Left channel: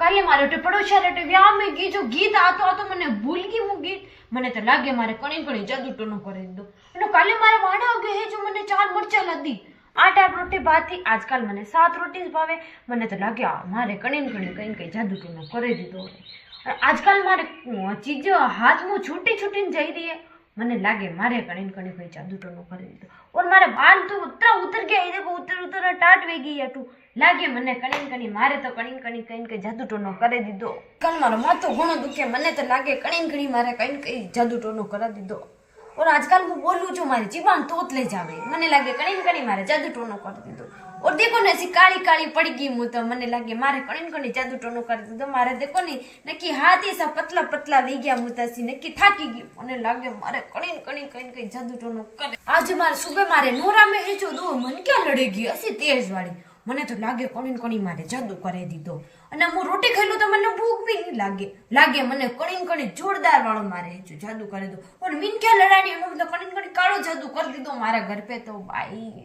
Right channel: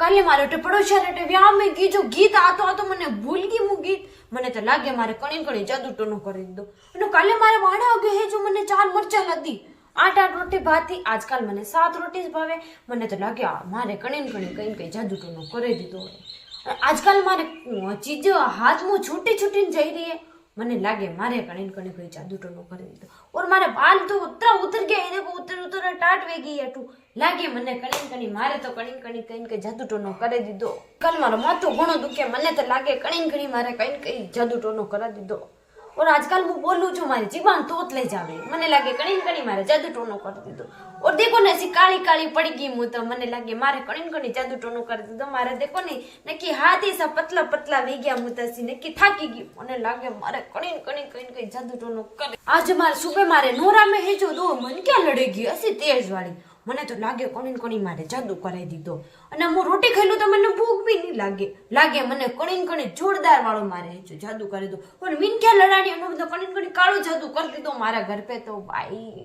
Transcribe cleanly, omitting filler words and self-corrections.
કાલે મારે પડોશિયા રેટે વ્યાહ મેં ગી જો ગીત આતો મને ભૂલ ગઈ હું ગીત મને તો લાગે મારે કણી કણી જાદુ ટોનો કરી દીધો અને કાલે મારે વાડા ઉગે હે જો મને 4 મરચા લાદી 8 રોટી ભાતી આજકાલ મને 7 રોટી જ ભાવે મને તો લાગે મારે કણી કણી કઈ જાદુ ટોનો કરી દીધો આજકાલ મારે ચીજો હાથમાં છૂટી છૂટીને જઈ રહી है મને લાગે મારે કણી કણી કોઈ જાદू टोनो कर दीधो और मारे बाल तो उतर गया ये देखो उतर टाट वे गई अटू लागे मने कणी कणी मारे तो कणी कणी कहीं कहीं जादू टोनो कर दीधो कल मारो माथो घणो दुखे मने तो लागे कणी कणी मारे कहीं कहीं जादू टोनो कर दीधो और आजकल मैं बोलूं छू मारी जीबान तोत ले जावे मने लागे कणी कणी मारे जादू टोनो कर दीधो और देखो ने ऐसी काली काली पड़ गई मुँह तो मने लागे मारे कणी कणी जादू टोनो कर दीधो मारे देखो नहीं नक्की हाथ ही सा पतला पतला वे गया मुँह तसी नक्की थाकी गई मने लागे मारे कणी कणी कहीं कहीं जादू टोनो करे आज मारे सुबह मारे नोरा में है जो दो मन क्या लड़ेगी ऐसी तेज वाली મને તો લાગે કણી કણી મારે જાદુ કરી દીધો અને હું રોટી ખાઈ લઉં તો મને ભૂખ બી નહીં લાગે મને કણી કણી જોરદાર વાળો મારે જાદુ કરી દો પણ મીન ક્યાં લડાડી એનો બધો કણી કણી કાળો જાદુ કરી દીધો મારા ઘર પે તો ભાઈ